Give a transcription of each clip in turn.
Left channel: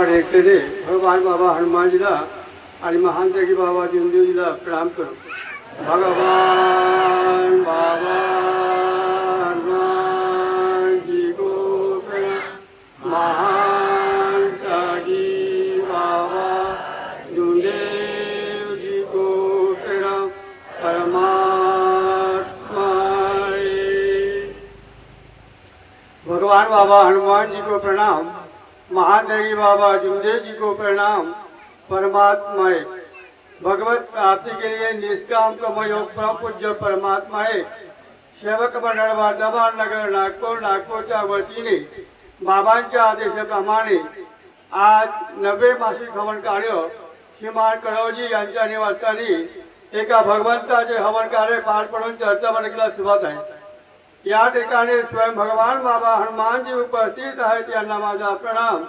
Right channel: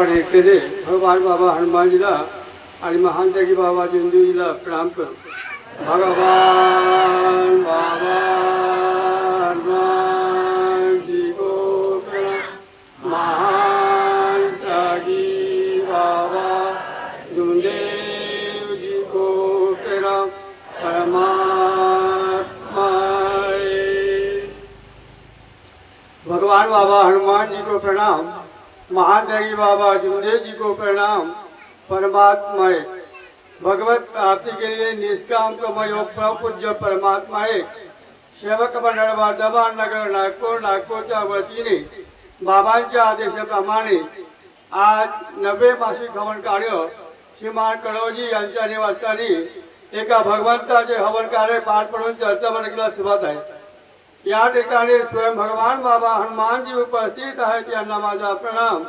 केले भगवान बाबा हनुमानजीला आणि महान त्यागी बाबा जिंदूजीला प्रणाम करू। भगवान बाबा हनुमानजी को प्रणाम, महान त्यागी बाबा जिंदेवजी को प्रणाम। भगवान बाबा हनुमान जी को प्रणाम, महान त्यागी बाबा जिंदेव जी को प्रणाम। परमात्मा भगवत प्राप्ति के लिए निष्काम कर्मयोग पूज्य परमात्मा सेवक मंडळ वर्धमान नगर नागपूरच्या वतीने बाबांच्या आदेशाप्रमाणे आज 90 मासिक हवन कार्य श्रीमान कडवजी यांच्या निवासस्थानी एका भगवंताचे हवन कार्य पार पडून चर्चा मंडळीला सुरुवात आहे। या ठिकाणी स्वयं भगवान बाबा हनुमानजी उपस्थित आहेत, यांना माझा प्रणाम।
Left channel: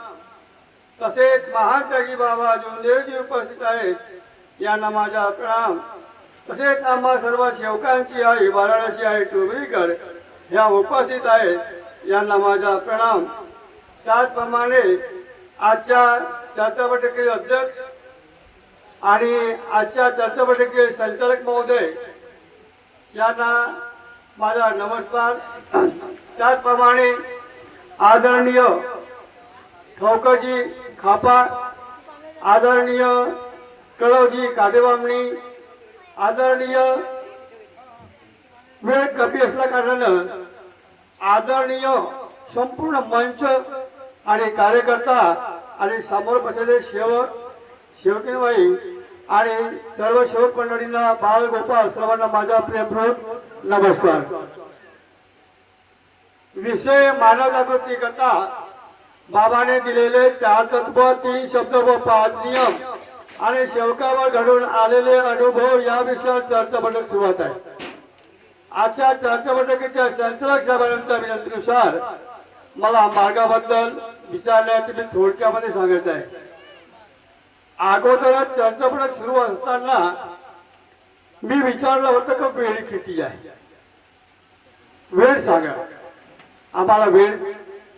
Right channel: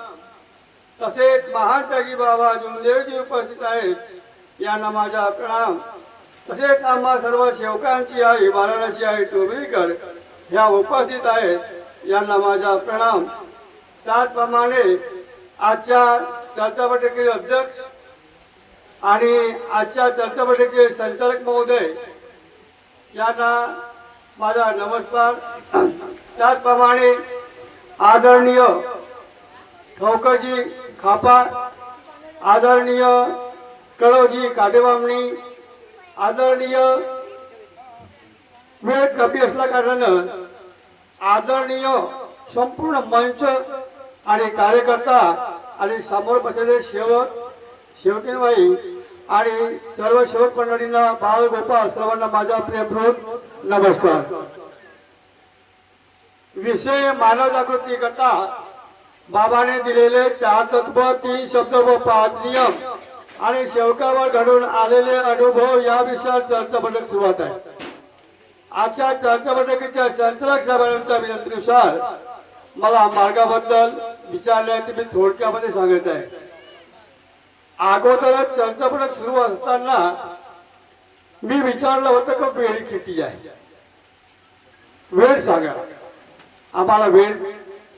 तसेच महान त्यागी बाबा जुंदेवजी उपस्थित आहेत, यांना माझा प्रणाम। तसेच आम्हा सर्व सेवकांची आई वाराणसी आई टोबळीकर ह्या उपस्थित आहेत, यांना माझा प्रणाम। त्याचप्रमाणे आजच्या चर्चा बैठकीचे अध्यक्ष आणि आजच्या चर्चा बैठकीचे संचालक महोदय यांना माझा नमस्कार। त्याचप्रमाणे आदरणीय ठोकरजी खापा, आदरणीय कडवजी काटेबामणी, आदरणीय वेळ कमी असल्या कारणानं आदरणीय संपूर्ण मंच आणि कार्यकर्ता आणि समोर बसलेले सेवक सेवकीनबाई आणि सर्व सेवक मंडळींना बाल गोपाल सर्वांना माझा प्रेमपूर्वक नमस्कार। विषय मानव जागृती करता बाबाने दिलेले 4 तत्व, 3 शब्द व 5 नियम आणि सेवकावर घडून आलेले अनुभव या विषयावर चर्चा बैठक सुरुवात आहे। आजच्या चर्चा बैठकीच्या संचालक साहेबांच्या विनंतीनुसार मला मार्गाबद्दल विचारण्यात मी थोडक्यामध्ये सांगत आहे। अगोदरच चर्चा बैठक सुरू असताना मी विचारलं होतं की वेळ किती आहे, वेळ सांगा। आम्हाला वेळ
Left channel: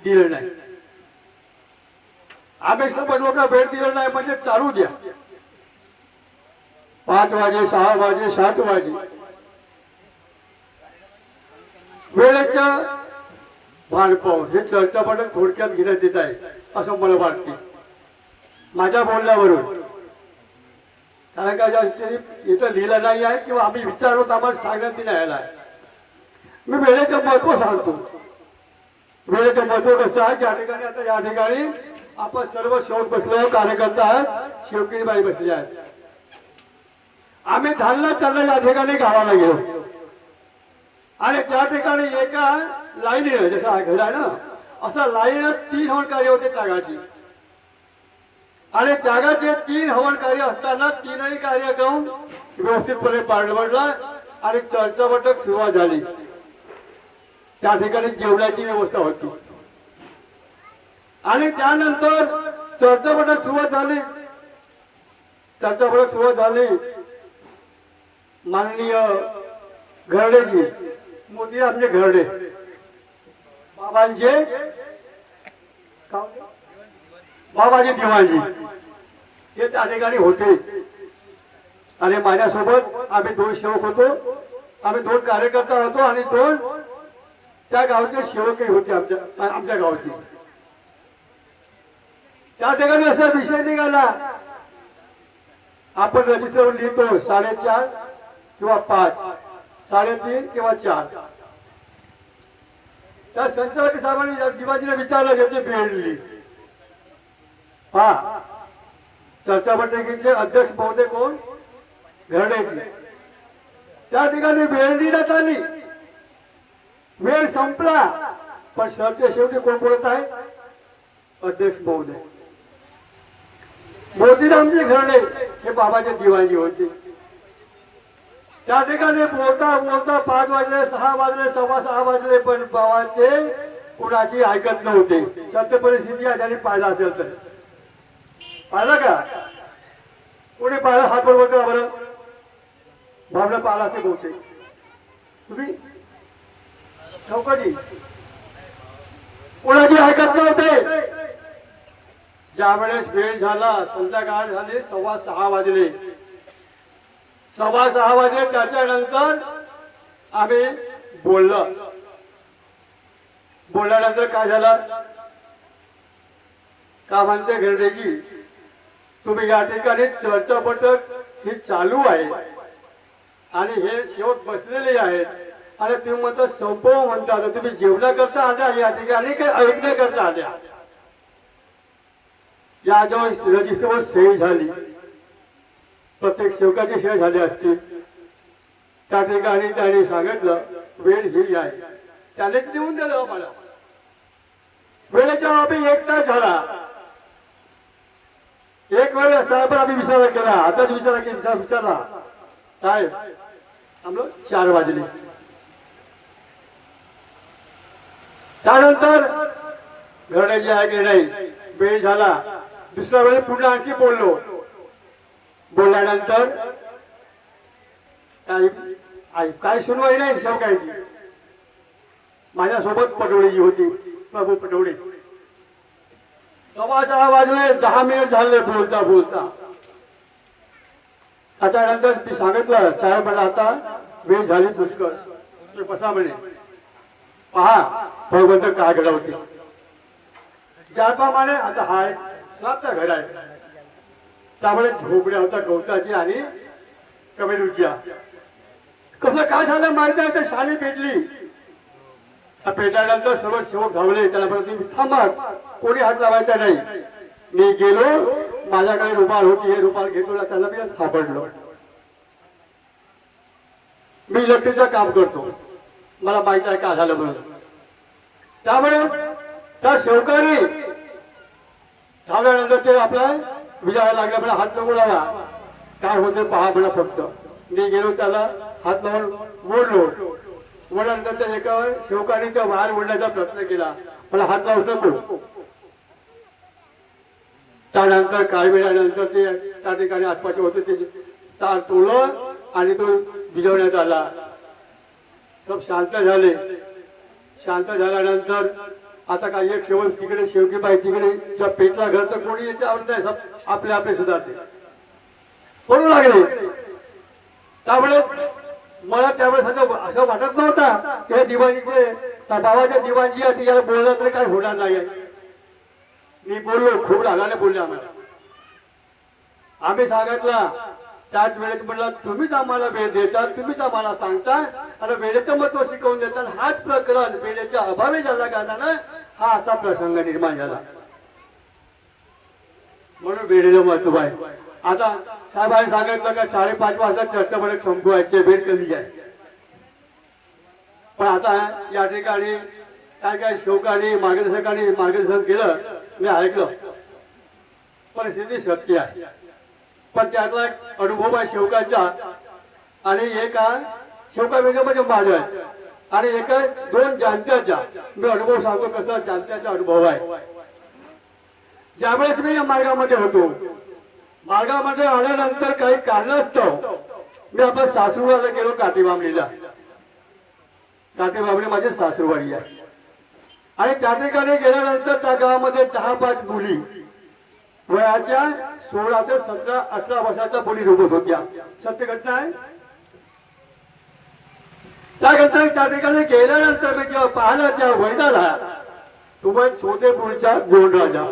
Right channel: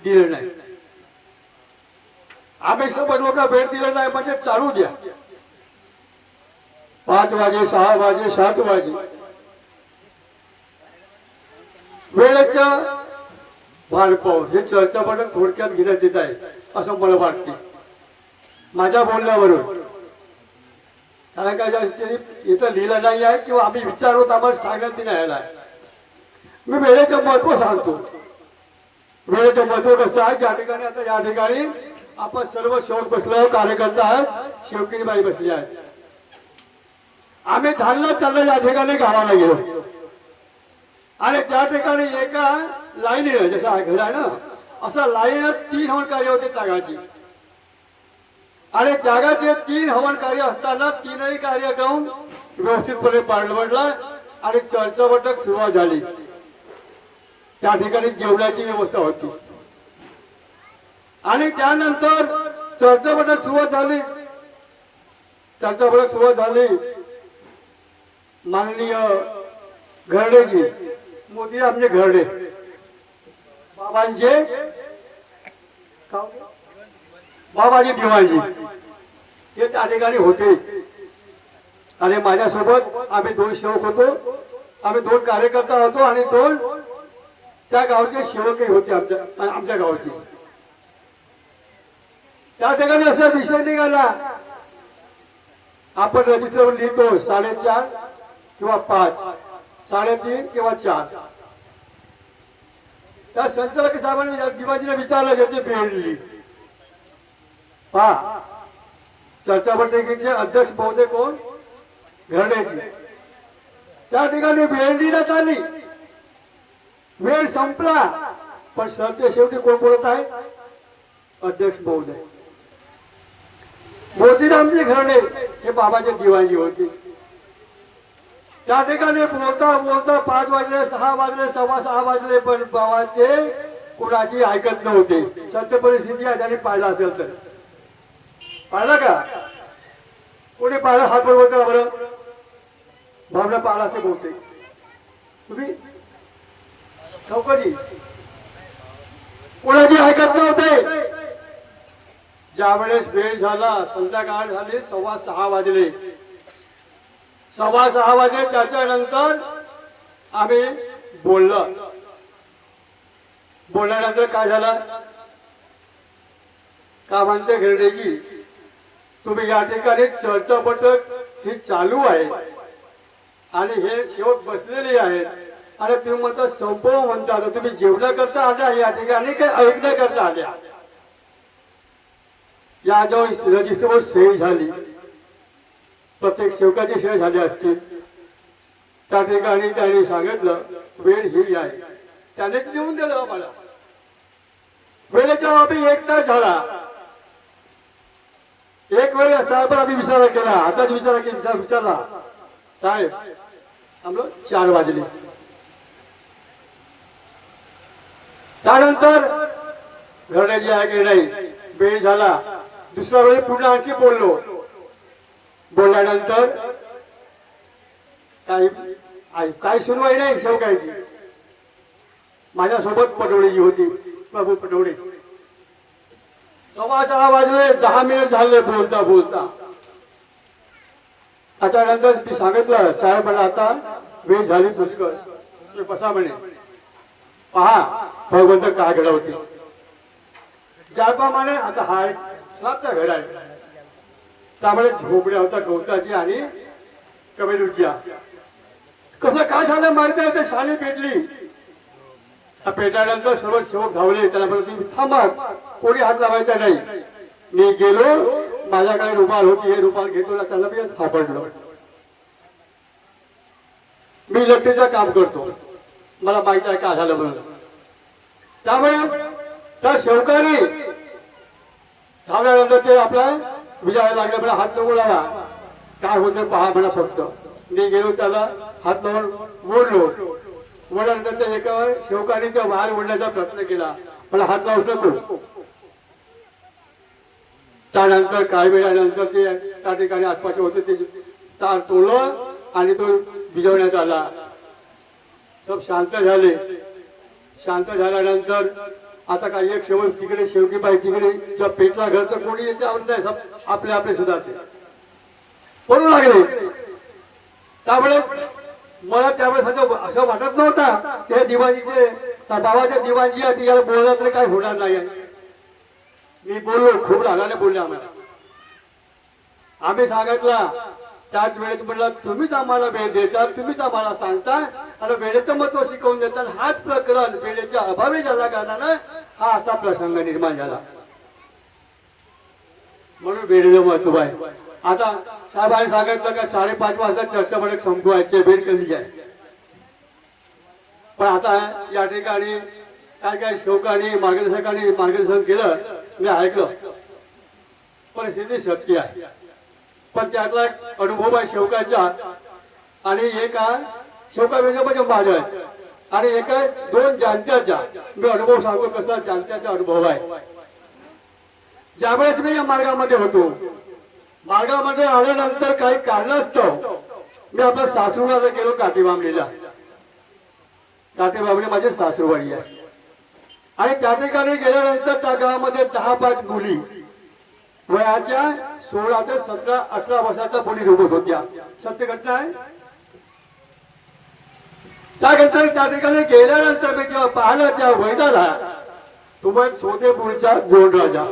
दिला नाही, आम्ही सर्व लोक वेळ दिला नाही म्हणजे चालू द्या, 5 वाजे 6 वाजे 7 वाजे वेळेच्या भान पाहून हे चर्चा बैठक थोडक्यात घेण्यात येत आहे असं मला वाटते माझ्या बोलण्यावरून। कारण का इथं लिहिलं नाही आहे किंवा आम्ही विचारतो आम्हाला सांगण्यात नाही आला आहे। मी वेळेचं महत्व सांगतो। वेळेचं महत्व कसं आहे, ज्या ठिकाणी आता या ठिकाणी आपण सर्व सेवक बसलो, कार्यकर्ता आहेत, सेवकीबाई बसली आहेत। आम्ही धानला चाललं या ठिकाणी गावाला गेलो आणि त्या ठिकाणी एका लाईनीनं जसा घर आहे ना असा लाईन 3 हवन कार्य होते त्यागाची आणि त्यागाचे 3 हवन कार्य असताना 3ही कार्यक्रम व्यवस्थितपणे पार पडला आणि चर्चा बैठक सुरुवात झाली। त्या ठिकाणी जेवणाची व्यवस्था होती आणि त्यानंतर चर्चा बैठक सुरुवात झाली। चर्चा बैठक सुरुवात झाली, माननीय घरडेजी मोदी आमचे घरडे बाबांचे बाबाजी दिवाणजी हे त्या ठिकाणी होते आणि माझ्यासोबत आम्ही 2 सेवक होतो, आम्ही 2 कार्यकर्ता होतो आणि 2 त्या गावचे सेवकही होते आमच्या गावचे। त्या ठिकाणी असा विषय निघाला, आपण रजिस्टर लिहितो 4:30 किंवा 5, 3:30 किंवा 4। त्या संचालक साहेबांनी दिवाजीला विचारलं याची वेळ लिहिली। पहा चर्चा बैठकीचे अध्यक्ष महोदय कोण, घरडेजी। त्या ठिकाणी वेळ लिहिण्यात आली, वेळ संपला पण सरते शेवटी कोण बोलत आहे, अध्यक्ष महोदय मोतीरामजी घरडे हे बाबाचे दिवाणजी होते। त्या ठिकाणी बोलता बोलता 5 वाजले 6 वाजले 6:15 वाजले पण बाबाचे कुणाची ऐकत नव्हते। सत्य परिस्थिती याच्याने पाहिला असेल तर पाहिलं का, कोणी पाहिलं हात वर होता बरं, भावना पाहिला असे बोलते तुम्ही ठोकरी कोणाची ऐकत नव्हते। ज्यावेळेस वेळ झाला, संध्याकाळ झाली, 6:15 वाजले. 6:15 वाजले. त्याच्यानंतर आम्ही बोलल्यानंतर काय झालं, का म्हणते घेरडेजी, तुम्ही या ठिकाणी चर्चा बैठक ही चालू आहे आणि हे सेवक बसलेले आहेत आणि तुम्ही म्हणता संपव म्हणता, आता तुम्ही जेवणा करता आल्या या ठिकाणी काही ऐकण्या करता आल्या. या जेव्हा रजिस्टरवर सही झाली, प्रत्येक सेवकाची सही झाली असतील, त्या ठिकाणी त्यांनी सांगितलं वेळ ही आहे. त्याने देऊन दिलं आम्हाला. वेळेच्या बाबी 1 तास झाला. एक वेळ साहेब आम्ही विचार केला, आताच विचारला साहेब आम्हाला 4 वाजले. त्यानंतर घरण्याची आहे की नाही, वेळ झाला. दुसऱ्या वेळी पुन्हा आणखी बोलल्यानंतर काय सुनवाई नाही सेवकायची. माझ्यासोबत पटोळेजी होती, प्रभू पटोळे. 6:15 वाजले, 10 मिनिट झाले बोलता. त्याच्यानंतर मी सांगितलं साहेब मला आता वेळ झाली पुष्कळ, बसा म्हणे. पहा भगवंत काय घडवते. ज्याप्रमाणे आता हा एक स्लॅबचा घर आहे, त्यामुळे झोपड्या होता गवताची आणि कमेलूच्या. कसं काय झालं माहिती आहे, ते शाणी पेटली. पेटल्यानंतर सर्व सेवक धावले. त्याला तुम्ही थांबा, कोणी हात लावायचा नाही. मी गेलो, माझ्याकडे रुमाल होती, हे रुमाल घेतो ना, त्याला मी सापडलो. मी इलेक्ट्रिकचं काम करतो, मला माहिती आहे काय झालं म्हणून. त्यामुळे त्या सेवकाने धावल्यानंतर ते आपला विचारायला लागले, आपला हात नको लावा, काय होते पहा म्हणा फक्त. मी गेलो, त्याला हात लावून ओढल्यानंतर त्या एका सेवकाने त्या बाहेर ओढण्याचा प्रयत्न केला, मला हात लावू नको. त्यानंतर काही वेळानंतर ते त्या ठिकाणी आसपासचे होते ते तार तोडलं आणि तो भिजवण्यात आला. सब शांत झाले. शांत झाल्यानंतर आता काही एक सेवक तिकडे, शेवटी बाई तिकडे, जेव्हा पेटला घर तर कोणी येते आपले सुधारते करू लागले. त्यामुळे मला त्यावेळेस असं वाटत नव्हता की हे दिवाणीचे बाबाच्या दिवाणजी आहे, याला बोललं तरी काय होणार नाही. मी बोललो, खूप रागाने बोलले आम्हाला. आम्ही सांगितलं त्याच वेळेस म्हटलं तुम्हीच आम्हाला वेळ देता, तुम्हीच आम्हाला सांगता आणि वेळेचं महत्व शिकवून देतात. हाच प्रकरण वेळेच्या अभावी झाला कारणानं हा असा प्रसंग निर्माण झाला. म्हणून वेळेचं महत्व आहे. आता साहेबांनी सांगितलं का 5:30 वाजता चर्चा बैठक संपवायची, वेळ कमी आहे. पण आता या ठिकाणी काय सेवकांनी मार्गदर्शन केलं, मी ऐकलं. परिस्थिती सत्य आहे, पण त्यातला एक अनुभव आहे सेवकाचा. आणि एक सेवका वेगळं म्हणजे माझ्या आणि एक 2 जाणत्याचा मी अनुभव सांगतो. कसा जाणत्याचा अनुभव आहे. ज्यावेळेस मी या मार्गामध्ये होतो, मार्गामध्ये आल्यानंतर काही कारणास्तव मी आपल्या सासरूवाडीला गेलो, काठीबामणीला. काठीबामणी माझी सासरूवाडी आहे. आणि त्या ठिकाणी गेल्यानंतर त्या गावामध्ये 10-5 मुली वयाच्या 16 ते 17, 18 वर्षाच्या मुली रोबत होत्या. सत्य घटना आहे. त्या घटना त्या ठिकाणी गेल्यानंतर मी जेव्हा पाहिला त्या वैदाला, तुम्ही सोदेपूरचा गोंडराजा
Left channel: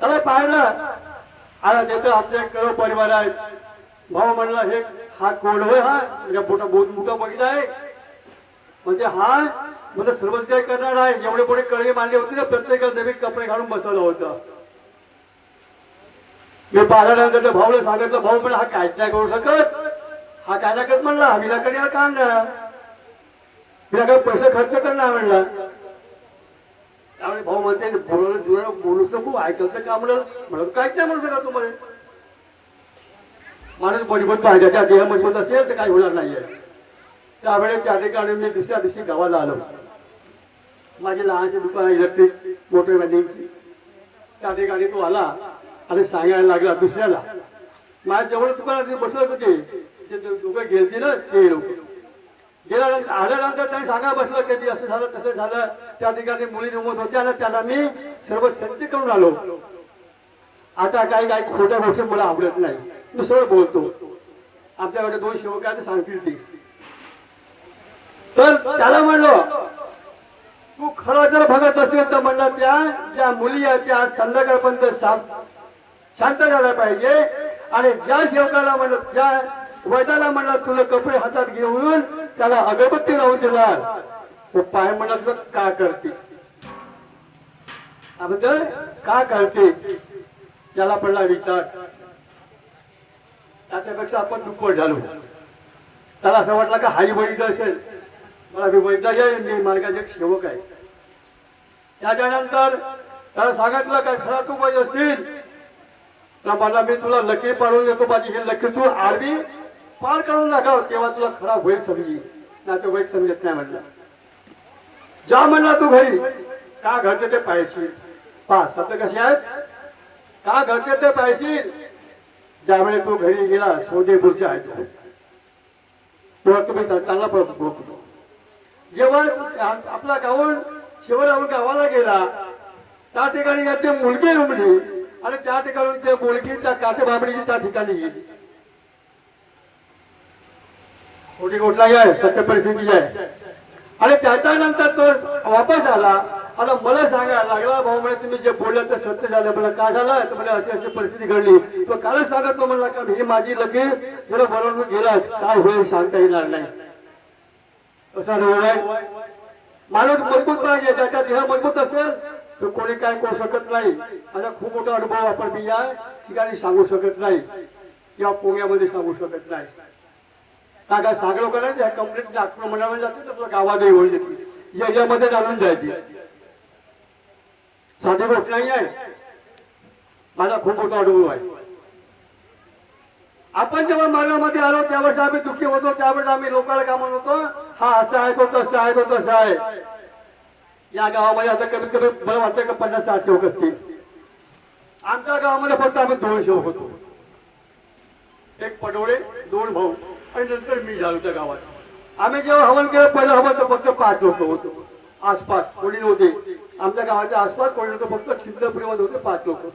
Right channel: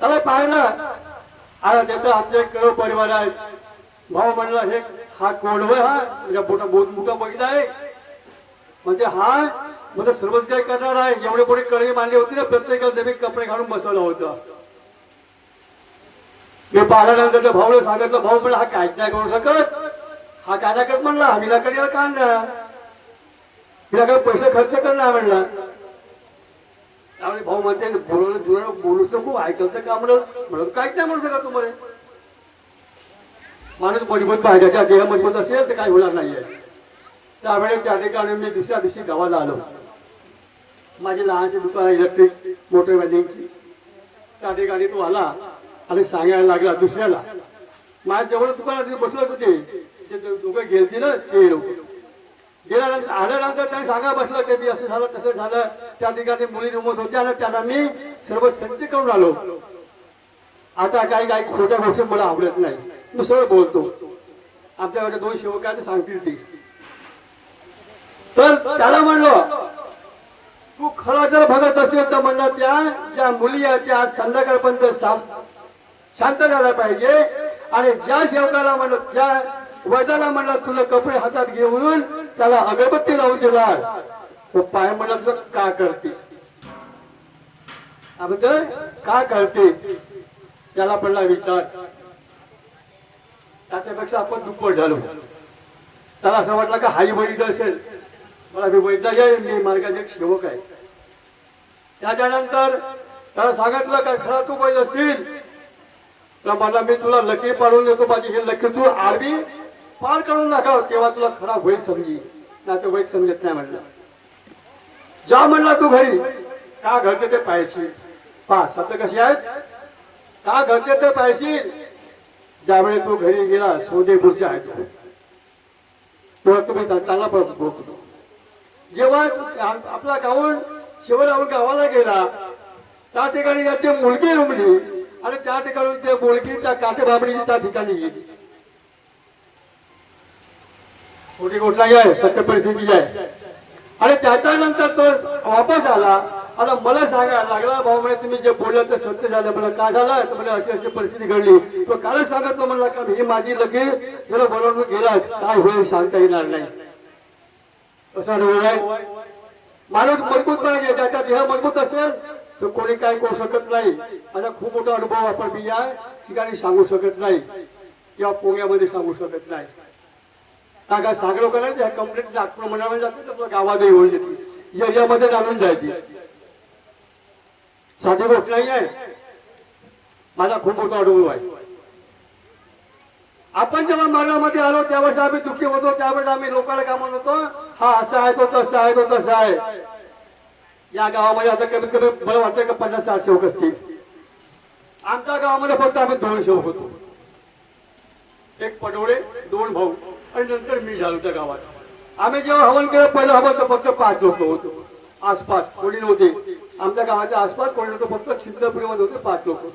त्याला पाहिलं. आता त्याचं आमचा एक करोड परिवार आहे. भाऊ म्हणला हे हा कोण आहे, हा म्हणजे मोठा बघितला आहे म्हणजे हा म्हणजे सर्वच काही करणार आहे. जेवढे कोणी कडे मांडली होती ना, प्रत्येकाला नवीन कपडे घालून बसवलं होतं. मी पाहिल्यानंतर त्या भाऊला सांगितलं, भाऊ पण हा काहीच नाही करू शकत, हा काय नाही करत म्हणला, विनाकडे काम नाही, विनाकडे पैसे खर्च करणार म्हणला. त्यामुळे भाऊ म्हणते बोलूच नको, ऐकत का म्हणून काहीच नाही म्हणू शकत तुम्हाला. माणूस मजबूत पाहिजे, त्या देह मजबूत असेल तर काही होणार नाहीये. त्यावेळी त्या ठिकाणी मी दुसऱ्या दिवशी गावाला आलो. माझी लहानशी दुकान इलेक्ट्रिक मोटर वेल्डिंगची. त्या ठिकाणी तो आला आणि सांगायला लागला दुसऱ्याला. माझ्या जवळ दुकानात बसलं होते ते दोघे गेलते ना ते लोक. गेल्यानंतर आल्यानंतर त्यांनी सांगायला बसलं की मी असं झालं तसं झालं, त्या ठिकाणी मुली रुमत होत्या आणि त्याला मी सर्व संच करून आलो. आता काही काही खोट्या गोष्टी मला आवडत नाही, मी सरळ बोलतो. आमच्याकडे 2 सेवकांनी सांगतील ती. तर त्याला म्हणलं तू खरं जर बघत असेल तर म्हणलं त्या ज्या मुली आहेत त्या संध्याकाळपर्यंत शांत झाला पाहिजे. आणि ज्या सेवकाला म्हणलं ज्या वैद्याला म्हणलं तुला कपडे हातात घेऊन त्याला अगरबत्ती लावून दिलास, तो पाय म्हणत तुला का करते, अगोदर का करते त्याला पडला विचार. त्याच्यापेक्षा आपण दुप्पट झालो. त्याला असं वाटलं का हाई वैद्य असेल, मला मी वैद्य आहे, मी मार्गाचे एक सेवक आहे. त्याच्यानंतर त्याला सांगितलं काय खरा तू वैद्य असतील तर मला मी तुला लकीर पाडून देतो, माझी ही लकीर तू आरबी पार करून दाखव, तेव्हा तुला खरा वैद्य समजी, नाही तर वैद्य समजत नाही. म्हणलं जा म्हणला तू घरी, का घडते ते पाहिशील. पहा सत्य कशी आहेत, का घडते ते पाहिशील. ज्यावेळी तू घरी गेला सोदेपूरचे आहेत तुम्ही चांगला पडत होतो. जेव्हा आपला गावून शिवराव गावाला गेला त्या ठिकाणी त्याची मुलगी रुमली आणि त्या ठिकाणी ते मुलगी त्या काठेबाबडीची त्या ठिकाणी गेली. खोटी गोष्ट आहे, सत्य परिस्थिती आहे. आणि त्याच्यानंतर तो वापस आला आणि मला सांगायला लागला भाऊ म्हणे तुम्ही जे बोलले ते सत्य झालं. मला काय झालं तर म्हणे अशी अशी परिस्थिती घडली. तो कालच सांगतो म्हणला का ही माझी लकीर जरा बनवून गेला काय होईल सांगता येणार नाही. कसं माणूस मजबूत पाहिजे, त्याचा देह मजबूत असेल तर कोणी काय करू शकत नाही. माझा खूप मोठा अनुभव आपण मी या ठिकाणी सांगू शकत नाही किंवा पोग्यामध्ये सांगू शकत नाही. काय सांगलो का नाही कंप्लीट नागपूर म्हणावे जाते तर गावातही होऊन येते, एरियामध्ये घालून जायची साधी गोष्ट नाही आहे. माझा खूप मोठा अनुभव आहे. आपण जेव्हा मार्गामध्ये आलो त्यावेळेस आम्ही दुःखी होतो, त्यावेळेस आम्ही लोकांना काय म्हणतो हा असं आहे तो तसं आहे तो तसं आहे. या गावामध्ये आता कमीत कमी मला वाटतं का 50-60 सेवक असतील. आमच्या गावामध्ये फक्त आम्ही 2 सेवक होतो, एक पटोळे 2 भाऊ आणि नंतर मी झालो त्या गावात. आम्ही जेव्हा हवन केलं पहिलं हवन तर फक्त 5 लोक होतो, आसपास कोणी नव्हते. आमच्या गावाच्या आसपास कोणी नव्हतं, फक्त सिद्धपुरीमध्ये होते 5 लोक.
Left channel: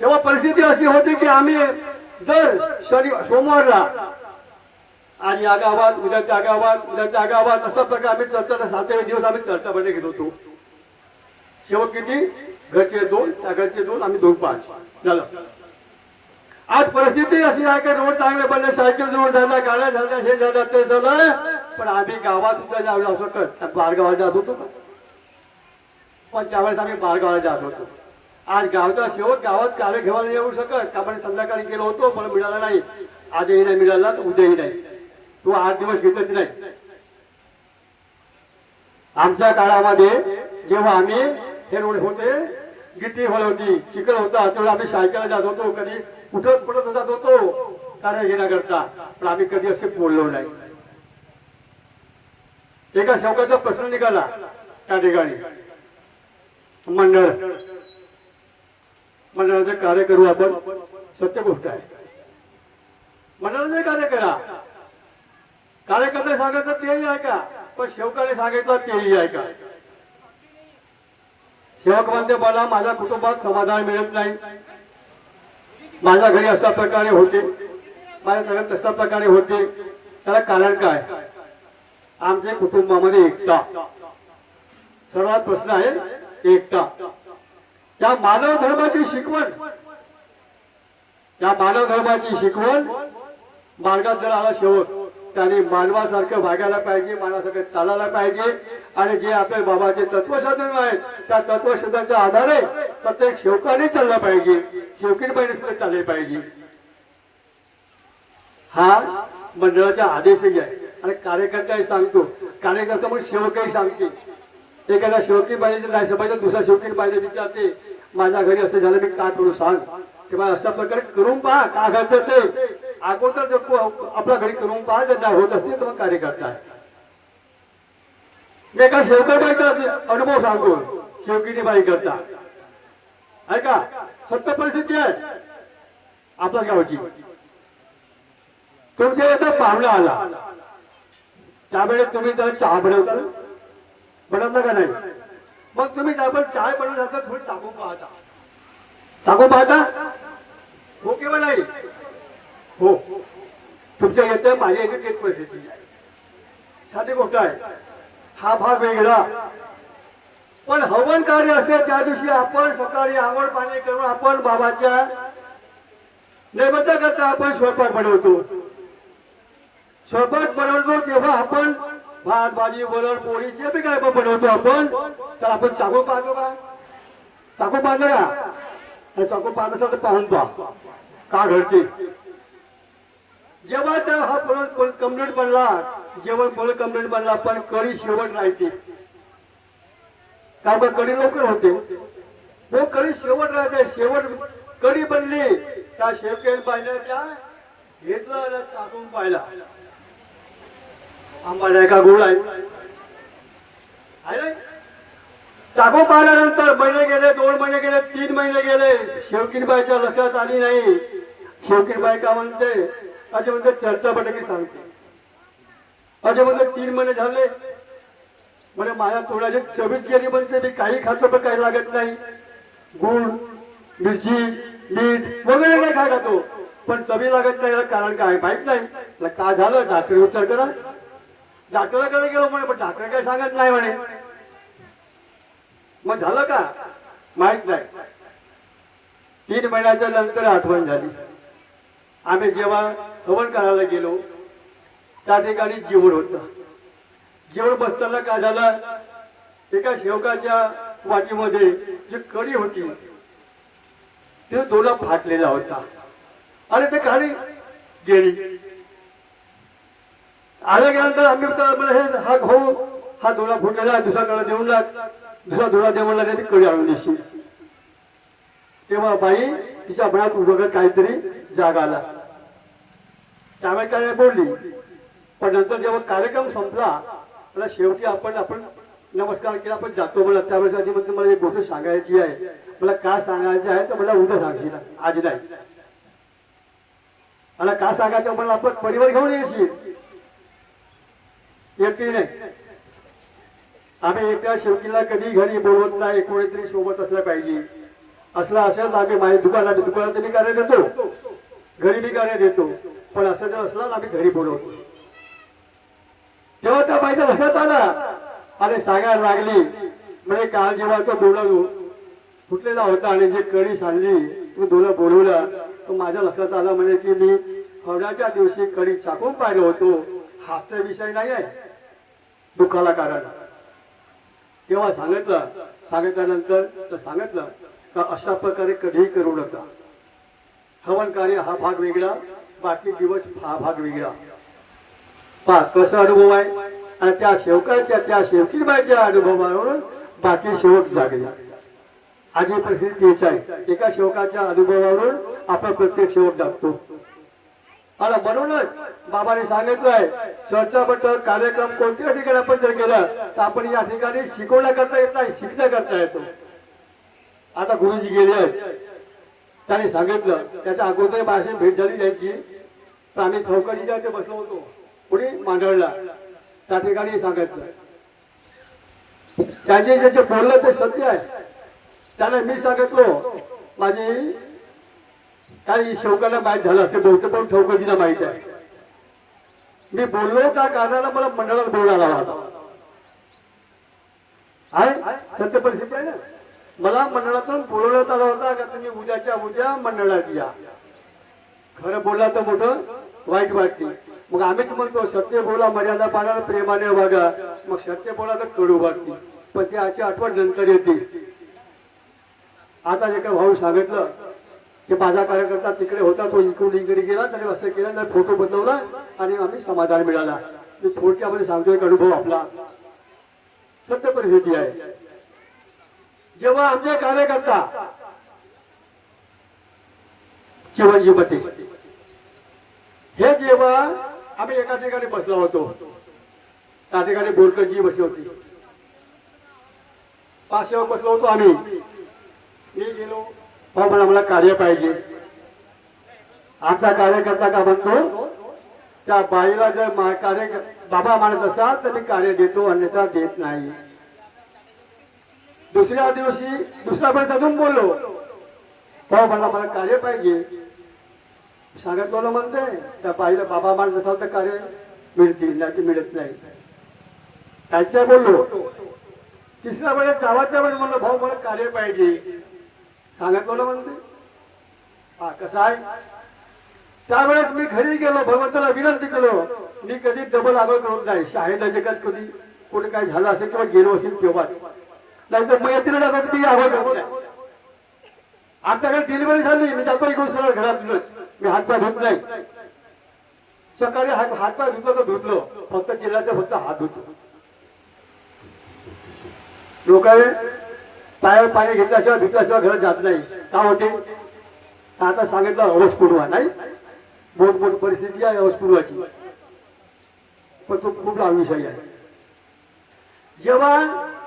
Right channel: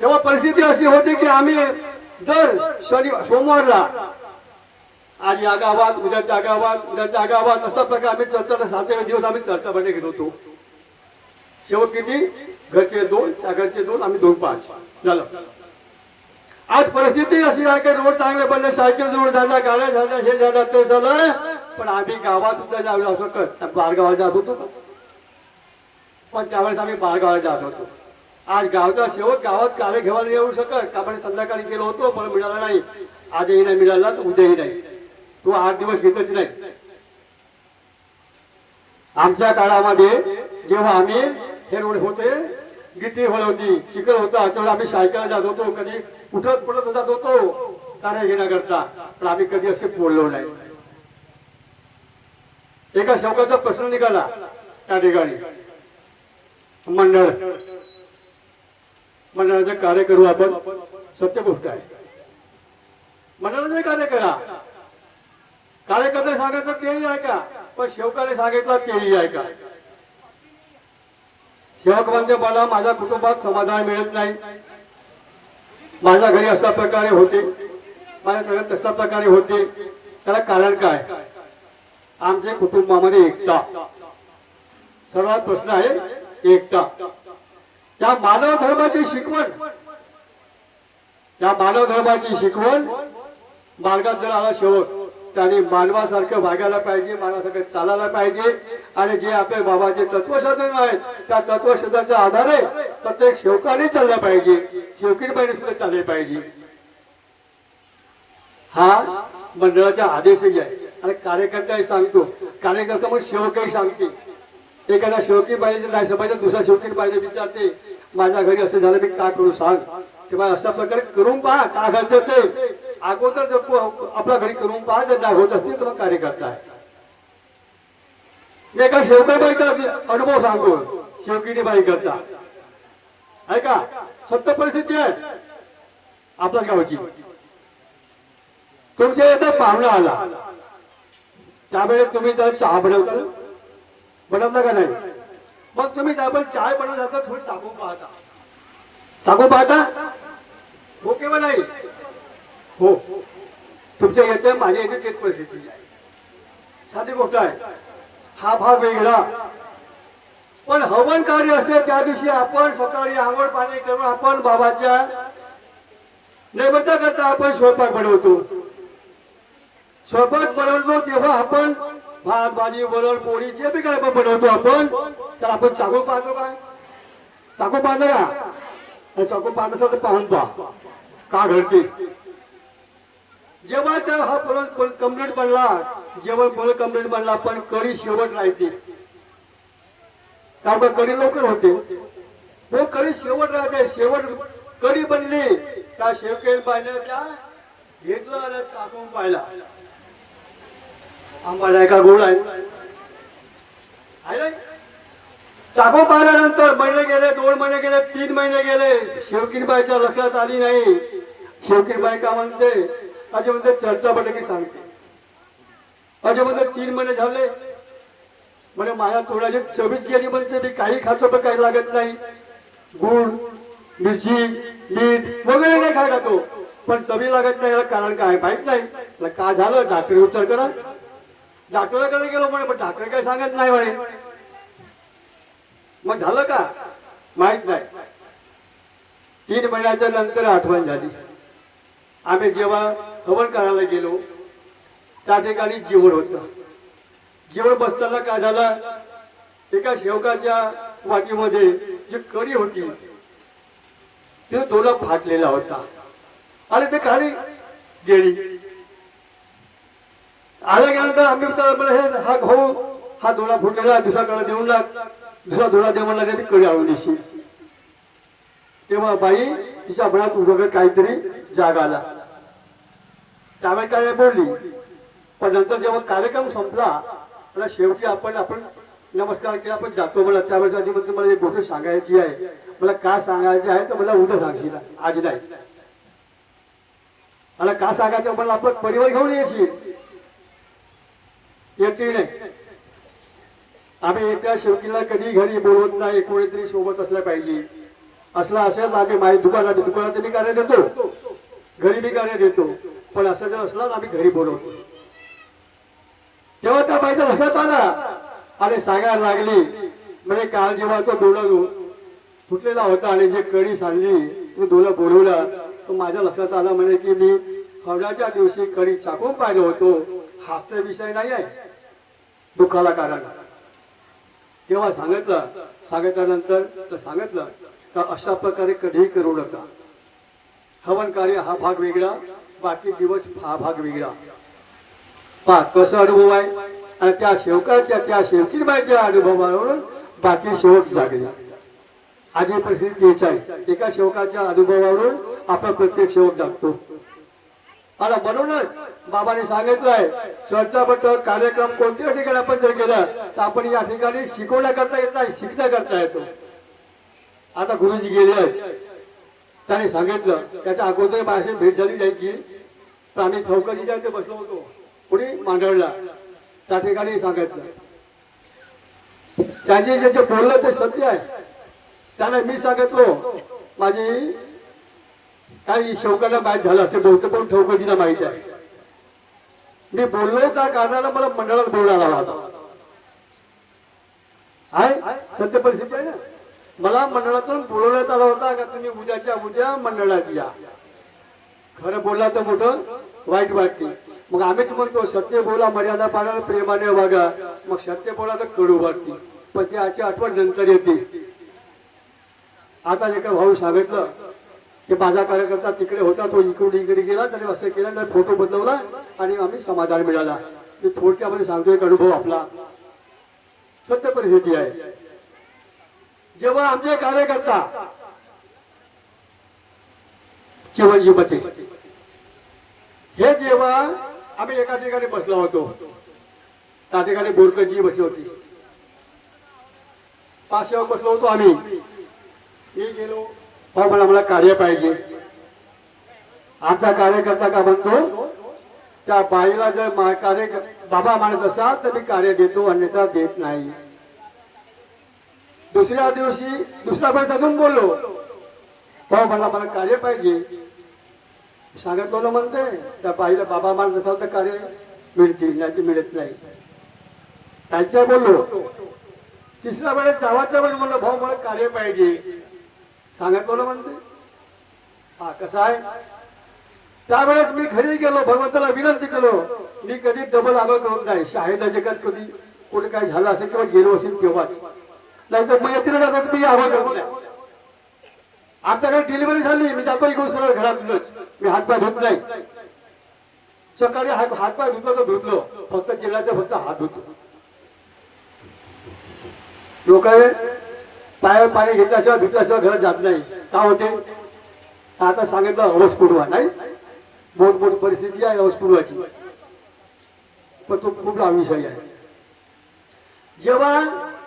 तेव्हा परिस्थिती अशी होती की आम्ही दर सोमवारला आज या गावात उद्या त्या गावात उद्या त्या गावात अशा प्रकारे आम्ही चर्चा 7 दिवस आम्ही चर्चा बैठक घेत होतो. शेवट किती घरचे 2 त्या घरचे 2 आम्ही 2-5 झालं. आज परिस्थिती अशी आहे की रोड चांगले बनले, सायकल रोड झाल्या, गाड्या झाल्या, हे झालं ते झालं, पण आम्ही गावात सुद्धा जाऊ शकत. बारगावाला जात होतो पण त्यावेळेस आम्ही बारगावाला जात होतो. आज गावचा शेवट गावात कार्य घेऊन येऊ शकत का पण संध्याकाळी गेलो होतो पण मिळाला नाही. आजही नाही मिळाला तर उद्याही नाही. तो 8 दिवस घेतच नाही. आमच्या काळामध्ये जेव्हा आम्ही हे रोड होते गिट्टी होळ होती, चिखल होता, तेव्हा आम्ही सायकलला जात होतो, कधी उठत पडत जात होतो कार्य घेण्याकरता, पण आम्ही कधी असे बोललो नाही. एका सेवकाचा प्रश्न निघाला त्या ठिकाणी मंडळाचे कार्य करू आपण, सत्य गोष्ट आहे. मंडळाचे कार्य करा, कार्यकर्ते सांगितलं तेही ऐका, पण सेवकाने सांगितलं तेही ऐका. सेवक म्हणते मला माझ्या कुटुंबात समाधान मिळत नाही, माझ्या घरी अशा प्रकारे होते, माझ्या घरात तशा प्रकारे होते, त्याला कारण काय. आमच्या कुटुंबामध्ये एकता सर्वात प्रश्न आहे, एकता. त्या मानव धर्माची शिकवण मार्गात जर आला शेवट त्याने मानवासारखं वागायला पाहिजे, मानवासारखं चालायला पाहिजे. आणि जे आपल्या बाबाचे तत्वशोधन आहेत त्या तत्वशोधनाच्या आधारे प्रत्येक शेवकाने चालला पाहिजे, शेवकीने सुद्धा चालले पाहिजे. हा मंडळाचा आदेशही आहे. आणि कार्यकर्ताही सांगतो, कार्यकर्ता मग शेवकही सांगते. एखादा शेवकी पाहिजे नाही पाहिजे, दुसरा शेवकी पाहिजे विचारते माझ्या घरी असं झालं मी का करू सांग. तेव्हा अशा प्रकारे करून पहा का घडतं ते. अगोदर आपल्या घरी करून पहा, जर नाही होत असते तर कार्यकर्ता आहे. मी एका शेवकाबाईचा अनुभव सांगतो, शेवकीने बाई करता ऐका, सत्य परिस्थिती आहे आपल्या गावची. तुमच्या इथं पाहुणा आला त्यावेळेस तुम्ही त्याला चहा बनवता ना? बनवता का नाही? मग तुम्ही त्यावर चहा बनवत जाता थोडी टाकून पाहता हो किंवा नाही? हो. तुमच्या येते माझ्या येते तेच परिस्थिती आहे. साधी गोष्ट आहे. हा भाग वेगळा. पण हवन कार्य असते त्या दिवशी आपण सकाळी आंघोळ पाणी करून आपण बाबाच्या नैवेद्य करता आपण स्वयंपाक बनवतो. स्वयंपाक बनवतो तेव्हा आपण भात भाजी वरण पोळी जे बी काय बनवतो आपण, तर आपण चाकू पाहतो का? चाकू पाहतो का? चाकू पाहत असेल तर पाहून पहा का घडते. जेव्हा त्या हा पोळी कम्प्लीट बनला, जेवण पोळी कम्प्लीट बनला, पण कढी शेवट राहते. का कढी लवकर होते हो, कढी शेवट राहते. शेवट कढी बनली त्या शेवकेल पाहिलं त्या घेतलं आणि टाकून पाहिला. आंबा नाही का गोड आहे? चाकू पाहिल्यानंतर महिने गेले, 2 महिने गेले, 3 महिने गेले, शेवकीनबाईच्या लक्षात आली नाही. शेवकीनबाई का म्हणते? अजय म्हणते चर्चा बटकी सांगते. अजय म्हणते 3 महिने झाले म्हणे माझ्या तोंडाची चवीच गेली. म्हणते मी काही खातो पण काही लागत नाही. गुळ मिरची मीठ वगैरे काही खायला तो पण चवी लागत नाही. कारण काय माहित नाही. का झालं? डॉक्टर उपचार करा. डॉक्टराकडे गेलो म्हणे, पण डॉक्टर काही सांगत नाही म्हणे. मग झालं का माहित नाही. 3 महिन्याच्या नंतर आठवण झाली. आम्ही जेव्हा हवन करायला गेलो त्या ठिकाणी जेवण होतं. जेवण बसताना काय झालं, एका शेवकाच्या वाटीमध्ये जी कढी होती ते दोला फाटलेला होता आणि ते खाली गेली. आल्या गेल्यानंतर आम्ही हे हा भाऊ हा दोला फुटलेला दुसरा कडा देऊन लाग, दुसरा दोला देऊन लागला, ती कढी आणून दिशी. तेव्हा बाई तिच्या मनात उभं काहीतरी जाग आला. त्यामुळे काय बोलली. पण नंतर जेव्हा कार्यक्रम संपला मला शेवटी आपण नमस्कार केला, आपण जातो मला. त्यावेळेस मला एक गोष्ट सांगायची आहे. मला का सांगायची आहे तर मला उद्या सांगशील, आज नाही. मला का सांगायचं मला आपण परिवार घेऊन येशील, एकटी नाही. आम्ही एकट्या शेवकीला कधी घरी बोलवत नाही. कोणीतरी सोबत असलं पाहिजे. असलं असेल तर आम्ही माझ्या दुकानात मी कार्य देतो, घरी मी कार्य देतो. पण असं जर असलं आम्ही घरी बोलवतो. तेव्हा त्या बाईचा लक्षात आला आणि सांगायला लागली म्हणजे काल जेव्हा तो डोला फुटलेला होता आणि जे कढी सांडली तो डोला बोलवला, तो माझ्या लक्षात आला म्हणजे की मी हवनाच्या दिवशी कढी चाकून पाहिलं होतो. हाच विषय नाही आहे दुःखाला कारण. तेव्हा सांगितल्यानंतर सांगितलं का अशा प्रकारे कधीही करू नका. हवन कार्य हा भाग वेगळा, बाकी दिवस हा भाग वेगळा. पहा कसा अनुभव आहे. आणि त्या शेवकाच्या त्या शेवकीबाईच्या अनुभवावरून बाकी शेवक जागले. आजी परिस्थिती तेच आहे. एका शेवकाच्या अनुभवावरून आपण प्रत्येक शेवक जागतो. आणि म्हणूनच बाबांनी सांगितलंय चर्चा बट कार्यक्रम कोणत्या ठिकाणी आपण जर केला तर आपण या ठिकाणी शिकवण्या करता येत नाही, शिकण्या करता येतो. आता गुरुजी गेले आहेत, त्यांनी सांगितलं त्याच्या अगोदर भाषेत भेट झाली जायची. पण आम्ही ठोकरीच्या इथे बसलो होतो पुढे मांडळला. त्या ठिकाणी सांगितलं त्याचे ज्याचे बोललं ते सत्य आहे. त्याने मी सांगितलो माझी काही शेवकांना माहीत झालं असे बोलतो, पण ठोकजीला माहित आहे. मी बोललो त्या कारणाला मला मंडळात बोलायला होता. आहे सत्य परिस्थिती आहे ना. मला मंडळातून बोलवण्यात आला होता का तुम्ही उद्याच्या उद्या मंडळात या. खरं बोलला तर मोठं वाईट वाटते. मग आम्हीच म्हणतो सत्य बोला, मर्यादा पाळा, प्रेमाने वागा. मग सत्य बोला तर कडू वाटते, पण त्याची आठवण नंतर येते. आता जे काही भाऊ सांगितलं की माझा कार्यकर्ता तिकडे होता, तो इकडे इकडे गेला, त्याने असं केलं, फोटो बदलवला आणि आम्ही समाधान मिळाला. मी थोडक्यामध्ये सांगतो एक अनुभव आपला. सत्य परिस्थिती आहे. जेव्हा आमचे कार्यकर्ता चिवंजीपती हे जेव्हा आम्ही एका ठिकाणी बसलो होतो, त्या ठिकाणी बोरकरजी बसली होती, पासेवर बसलो होतो आम्ही. मी गेलो मला कार्य पाहिजे. आमचा कार्यकर्ता का म्हणतो त्या बाईला जर कार्य बाबा म्हणत असाल तर मी कार्य देतो, अन्यथा देत नाही. दुसऱ्या दिवशी दुसऱ्या वेळेस अजून बोललो, हो मला मला कार्य पाहिजे. सांगितलं म्हणते त्या बाईला बाबा म्हणत असाल तर कार्य मिळतील, नाही ते मिळत नाही. काय त्या बोललो. तिसऱ्या वेळेस जावाच्या वेळेस म्हणलं भाऊ मला कार्य पाहिजे. सांगितलं म्हणते हा कसं आहे. त्यावेळेस मी घरी गेलो, भगवंताला विनंती केलो, मी कधी डबल आरोप होत नाही. शाळेच्या जगात कधी कोणी काही झालं असेल किंवा गेलो असेल तेव्हाच, नाही तर मयतीला जातात मी आरोप होत नाही. आमच्याकडे डिलिव्हरी झाली, मी जातो इकडून सरळ घरातूनच, मी हातपाय धुत नाही. सकाळी हातपाय धुतलो तर धुतलो, फक्त चिराचा फक्त हात धुतो. लोक पायावर पाणी घेतल्याशिवाय धुतल्याशिवाय घरात जात नाही. का होते आता सांगितलं अवस पुरवा नाही, मोठ परिस्थिती आहे अवस पुरवाची, पण तो खूप विषय आहे. जेव्हा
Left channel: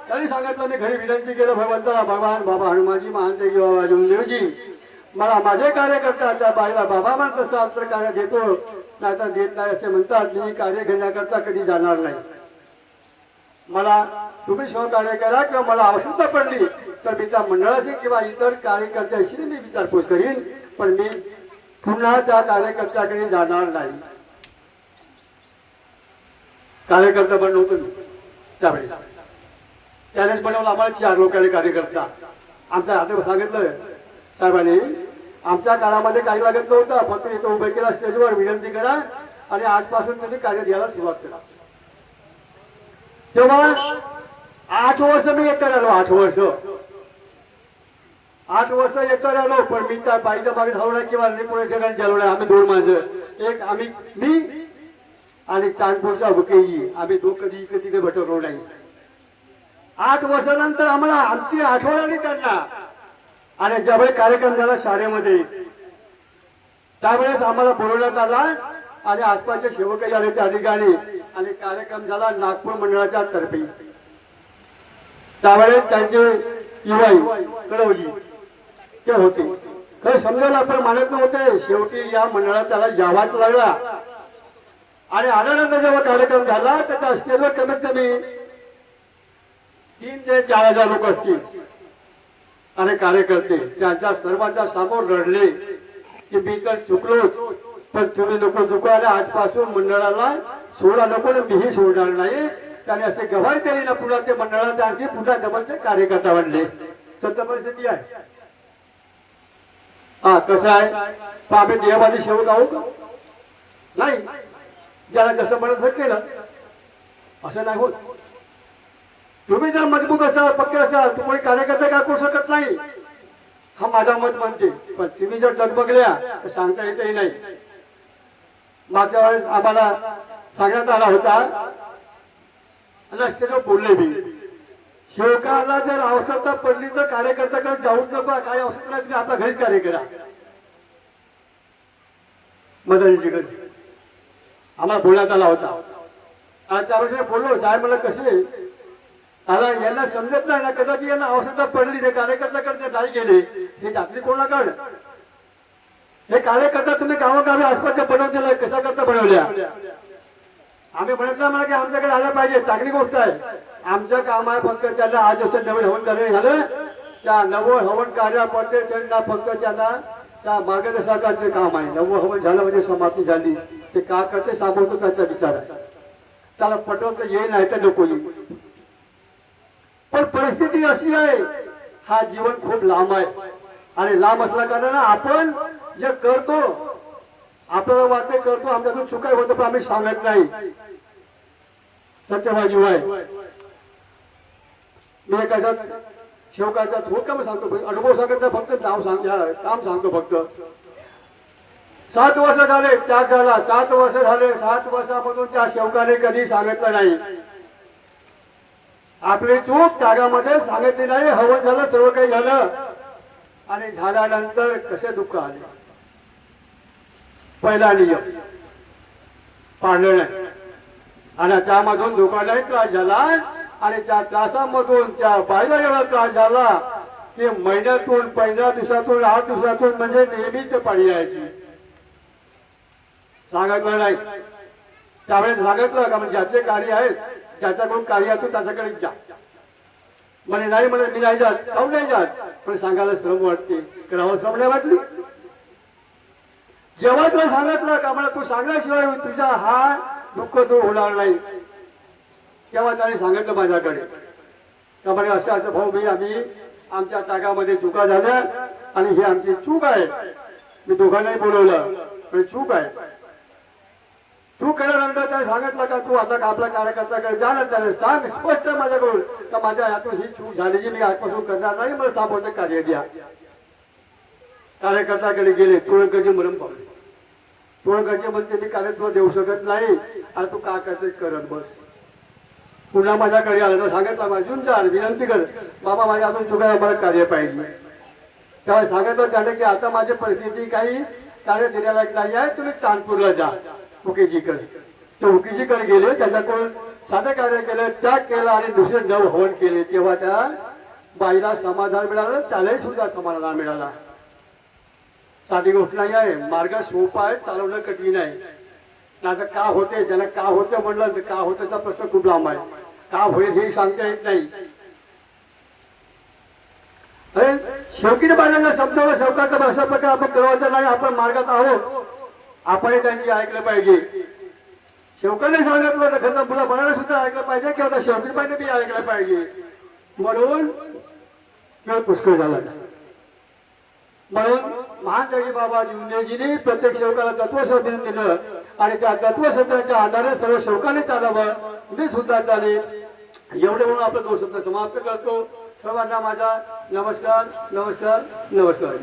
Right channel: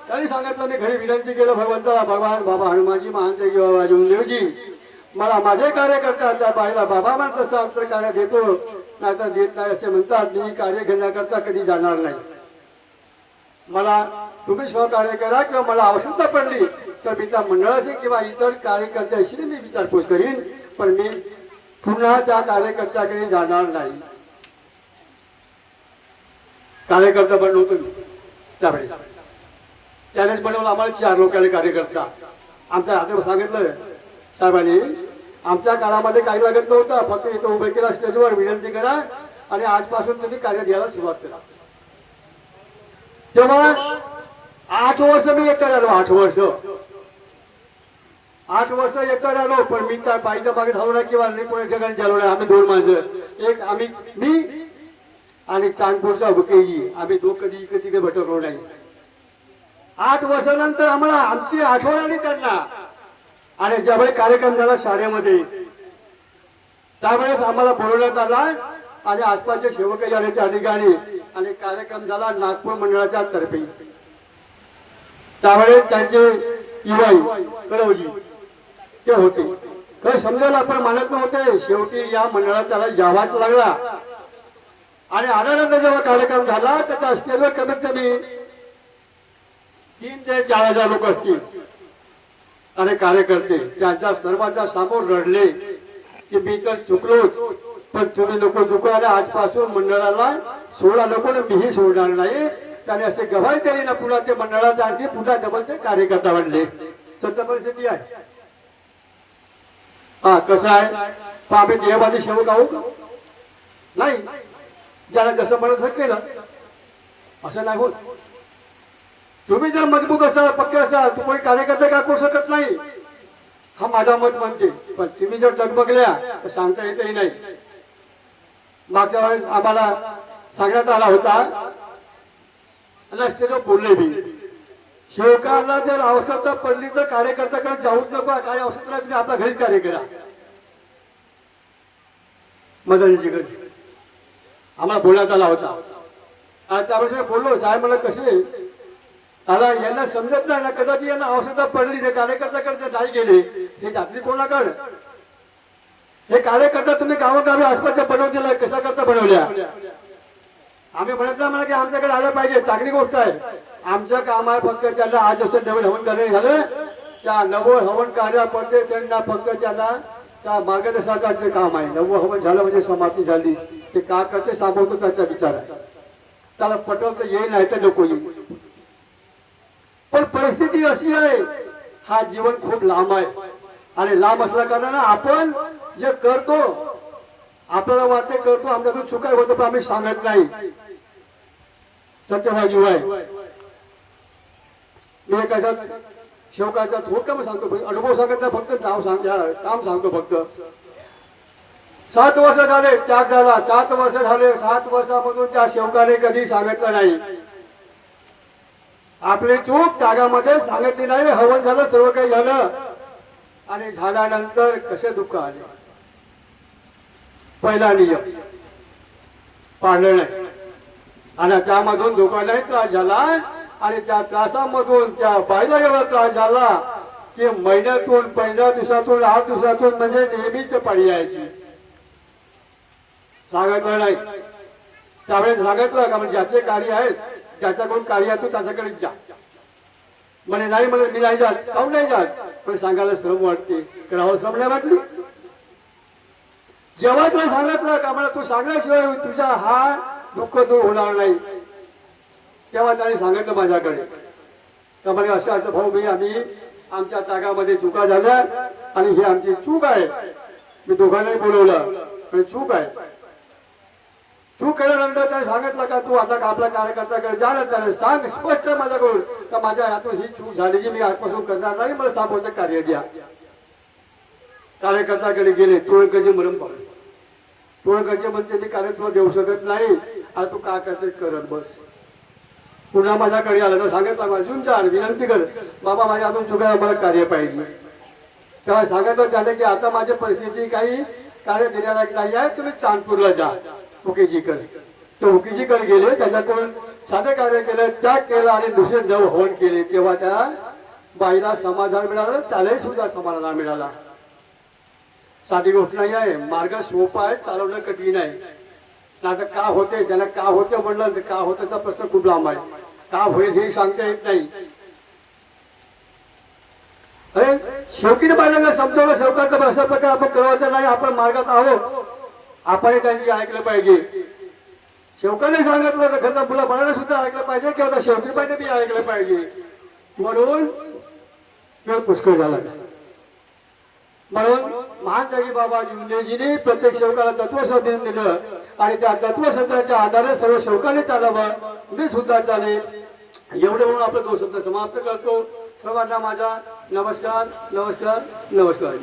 त्यांनी सांगितलं, मी घरी विनंती केलं भगवंताला, भगवान बाबा हनुमानजी महानदेवी बाबा जुमदेवजी मला माझे कार्य करतात, त्या बाईला बाबा म्हणत असतात तर कार्य देतो, नाही तर देत नाही असे म्हणतात. मी कार्य घेण्याकरता कधी जाणार नाही. मला तुम्ही सहकार्य करा किंवा मला आवश्यकता पडली तर मी त्या मंडळाशी किंवा इतर कार्यकर्त्याशी मी विचारपूस करीन, पण मी पुन्हा त्या कार्यकर्त्याकडे जाणार नाही. कार्यकर्ता बनलो तुम्ही त्यावेळेस, त्यानेच बनवलं आम्हाला 4 लोकांना कार्यकर्ता. आमच्या हातात सांगितलं साहेबांनी, आमच्या काळामध्ये काही लागत नव्हतं, फक्त इथं उभे केला स्टेजवर विनंती करा आणि आजपासून तुम्ही कार्य द्यायला सुरुवात करा. तेव्हा 8 वर्ष मी एकटा झालो. 8 वर्ष एकटा झालो, पण मी त्या बाईच्या मागे धावलो नाही किंवा कोणा ठिकाणी झालो नाही. आम्ही 2 माणसं, एक आम्ही मी आणि चांदपूरचा बुकेजी, आम्ही कधी इकडे तिकडे भटकलो नाही. 8 वर्षानंतर आम्हाला आमची आठवण आली त्यांना, आणि ज्यावेळी कार्यक्रम झाला शाळेमध्ये त्यावेळेस आम्हाला बोलवण्यात आला आणि आसपासचे सेवकही आले त्या ठिकाणी, आणि कार्यक्रम झाला नागपूर मंडळाच्या तर्फे. त्यावेळेस त्यांचे युवाई कळवजी ते होते, तर समजायला आपण मानत नव्हते. शेवटी या मंडळात त्याला यावाच लागला, आणि आल्यानंतर जेव्हा कार्यक्रम झाला तर त्या स्टेजवर कमीत कमी 3 ते 4 हजार लोक असतील, आणि कार्यकर्ते त्यांच्या सर्वांच्या समोर रडले की मी तर चुकलोच, पण तुम्ही लोक चुकलो आणि आजपासून मंडळाला सोडा नको ना, मीही सोडणार नाही. त्याने असे गवाही दिली ना, पुन्हा ते मंडळाचे आणखी पुन्हा डबल ते कार्यकर्ता बनले. सत्य परिस्थिती आहे. हा कसं आहे, पण आम्ही देहवादी सेवक आहोत नाही, ज्याला जसं म्हणत केलं असं नाही होत. तुम्ही जर मजबूत असाल, पक्के असाल, तुम्ही कार्यकर्ता काय करू शकत नाही, हा माझा मत म्हणते. पण तुम्ही जर डगमगल्या तर सांगता येतही नाही. मागच्या वेळेस आम्हाला सांगण्यात आला होता, स्टेजवर बोलले मी, सेवकाला जर आवश्यकता पडली तर कार्यकर्त्याकडे जाऊच नका, काही आवश्यकता नाही, तुम्ही आपल्या घरीच कार्य करा. मदनीची घरी आम्हाला बोलण्यात आला होता, आणि त्यावेळेस बोललो साहेब मला कसे आता यांना समजत नाही ना, कदाचित यांना आवश्यकता पडली नाही, कार्यकर्त्याकडे नाही गेले, हे जातली कोणाकडे. हे कार्यकर्ता तुम्ही गावोगावी आसपासच्या बनवून दिलाय, कशा करता बनवल्या. आम्ही म्हणत नाही मला की आमच्याकडे आलं पाहिजे, चांगली गोष्ट आहे. आमचं काम आहे फक्त त्यांना आज असं नवीन हवन कार्य झालं, त्या नवं हवन कार्यापडते त्यांना फक्त त्यांना त्या मार्गदर्शकाचे काम आहे. नवं हवन झालं म्हणजे समाप्ती झाली, ते का करते सांगतो त्याचा विचार आहे. त्याला पटवतं ये नाही तर नको ये. पण परिस्थिती अशी आहे, हा जीवन खूप लांब आहे, आणि लांब असल्या कारणाने आपण जे करतो आपल्याला वाटते करतो, आमच्यातून चुका होतं पण आम्ही सांगत नाही. सत्यभाजी आहे. मी एखाद्या शेवकाचा हुकम सांगतो, अनुभव सांगत नाही, फक्त नाव काम सांगतो फक्त. 7 वर्ष झाले त्याग झाला, 7 वर्ष झाले, 7 वर्षापासून त्या शेवकाने कधी सांगितलं नाही. आपली चूक त्यागामध्ये सांगितली नाही. हवन झालं, सर्व काही झालं, आणि झाल्यानंतर कसे दुःख आले. पहिला नियम पाळलं नाही, आणि त्यामधून दुःखालाही त्रास झाला, आणि त्या त्रासामधून त्या बाईला एवढा त्रास झाला की महिन्यातून 15 दिवसातून 8 दिवसातून म्हणजे नेहमी ते पाळी यायची. सांगितलं नाही त्यावेळेस सांगितलं का म्हणजे ज्याचे कार्य आहेत ज्याच्याकडून कार्य असतो त्याच्याकडे जा. म्हणे नाही म्हणे मी नाही जात. काहून नाही जात? पण सांगायला श्रम वाटते. करावं श्रम नाही वाटली. जेव्हा तुला सांगितलं का मला तू सांगल्याशिवाय तुझा हा दुःख दूर होणार नाही, तेव्हा त्याने सांगितलं माझ्याकडे का म्हणे असं असं भाऊ मी आम्ही आमच्या तागामध्ये चुका झाल्या आणि ही आमची चूक आहे. मी दोघांनाही बोलवलं पण चूक आहे. चूक केल्यानंतर त्याने सांगितलं का तू आता आपला कार्यकर्त्याकडे जा ना, त्याने सांग स्पष्ट माझ्याकडून का माझ्या हातून ही चूक झाली जी मी आजपासून करणार नाही, मला सामोरचं कार्य द्या. कार्यकर्त्याकडे गेले. तुळकरचे मरण पावले. तुळकरचे म्हणते मी कार्य तुला देऊ शकत नाही, आता तू काय करते करत बस. पुन्हा माझ्याकडे आलं तर सांगितलं माझून जा विनंती कर बाबा माझ्या हातून चुका मला कार्य पाहिजे. तेव्हा सांगितलं त्याने की आता माझी परिस्थिती काही कार्य देण्यालायक नाही आहे, तुम्ही चांदपूरला जा हुकेजीकडे. ते हुकेजीकडे गेले. त्याच्याकडून साधं कार्य केलं, त्याग केला आणि दुसरे नव हवन केले. तेव्हा त्या बाईला समाधान मिळालं, त्यालाही सुद्धा समाधान मिळाला. साधी गोष्ट नाही आहे. मार्ग सोपा आहे, चालवणं कठीण आहे. आता का होते ज्याला का होतं म्हणलं तर का होत्याचा प्रश्न खूप लांब आहे. का होईल हे सांगता येत नाही. अरे शेवकीने बाळांना समजावलं शेवकाचा अशा प्रकारे आपण करायचं नाही, आपण मार्गात आहोत, आपण त्यांची ऐकलं पाहिजे. शेवकाने सांगितलं तर घरचा मुला बाळांना सुद्धा ऐकलं पाहिजे किंवा त्या शेवकी पाहिजे बी ऐकलं पाहिजे. म्हणून वेळ पुष्कळ झाला. म्हणून महान त्यागी बाबा जिंदेजीने प्रत्येक सेवकाला तत्वसंधी दिलं आणि त्या तत्वसंधाच्या आधारे सर्व सेवकाने चालावं, मी सुद्धा चालेल. एवढे म्हणून आपलं दोष समाप्त करतो. सर्वांना माझा नमस्कार नमस्कार नमस्कार.